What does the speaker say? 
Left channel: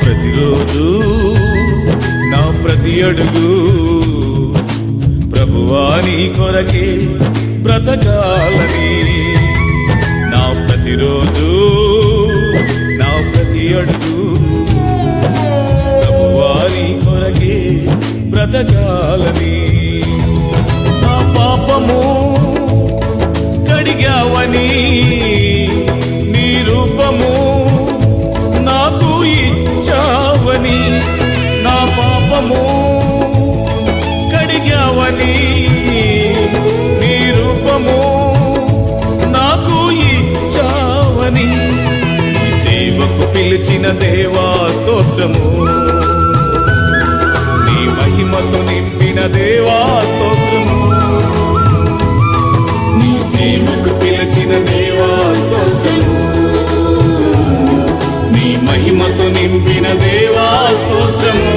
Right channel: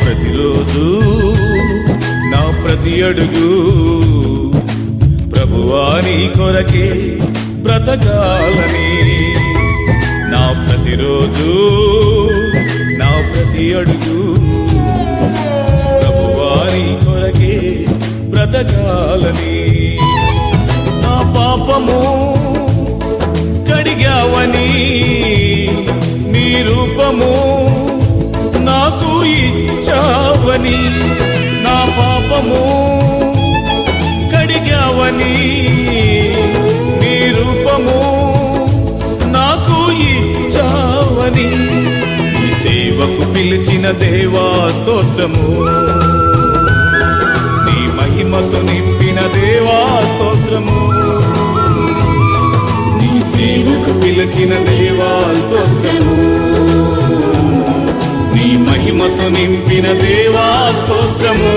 ప్రతిరోజు నా ప్రతి అడుగు ప్రభువా నీ కొరకే బ్రతకాలని. నా ప్రతిరోజు నా ప్రతి అడుగు ప్రభువా నీ కొరకే బ్రతకాలని. నా పాపము కడిగావని నీ రూపము నాకు ఇచ్చావని. నా పాపము కడిగావని నీ రూపము నాకు ఇచ్చావని. ఈ సేవకు పిలిచిన దేవా స్తోత్రము, నీ మహిమతో నింపిన దేవా స్తోత్రము. నీ సేవకు పిలిచిన దేవా స్తోత్రము, నీ మహిమతో నింపిన దేవా స్తోత్రము.